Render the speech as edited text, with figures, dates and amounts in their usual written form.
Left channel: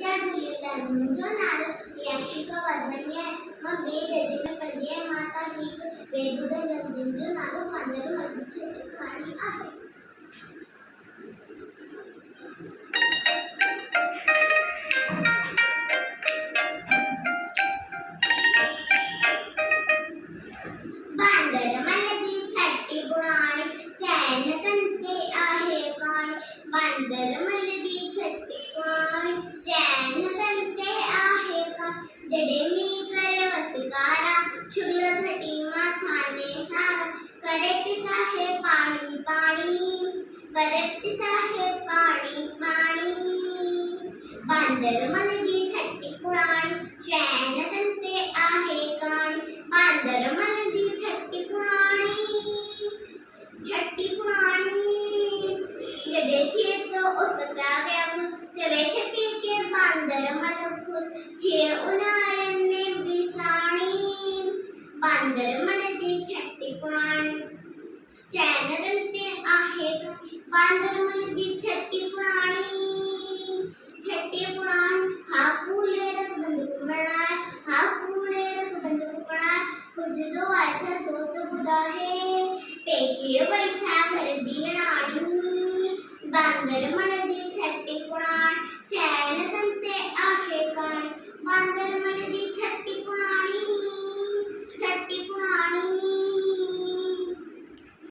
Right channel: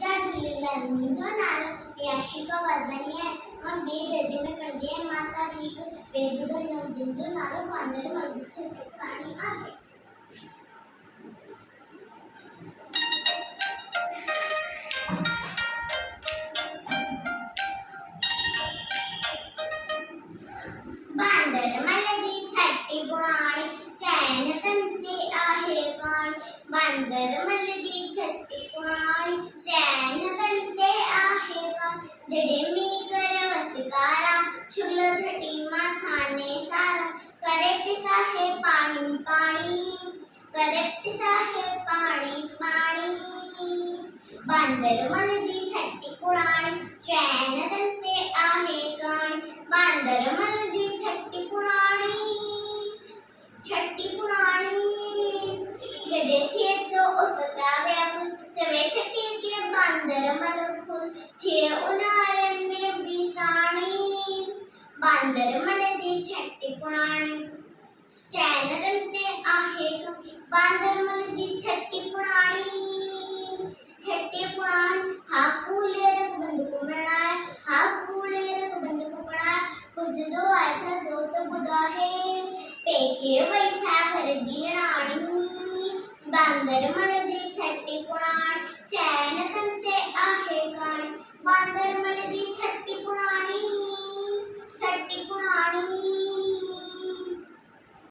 जय झूलेलाल मुंहिंजो नालो याशिका वाधवानी आहे। मां ॿिए दर्जे में पढ़ंदी आहियां। मां तव्हांखे हिकु वेद ॿुधाईंदमि जंहिंजो नालो वानर मल्हाणी आहे। बांदर मलदी छटी पुराणी चैन तंते आहे काणी। बांदर मलदी छटी पुराणी चैन तंते आहे काणी। जडे मी कर वसकारा छुगलो छटी माथाने सारा। करे पिसा है पाणी पाणी करे पिसा है पाणी पाणी। बांदर मलदी छटी पुराणी चैन तंते आहे काणी। बांदर मलदी छटी पुराणी जडे थे तो उसका व्याकुल चवे छटी के बांदर मलफुल थे उनारन में बिसाणी। बांदर मलदी छटी पुराणी चैन तंते आहे काणी। बांदर मलदी छटी पुराणी हा कूले रख बंदूक बनाए हा कूले रख बंदूक बनाए। कुछ दो अच्छा दोस्त बुदा है पेके वैछा कर दी राणी। बांदर मन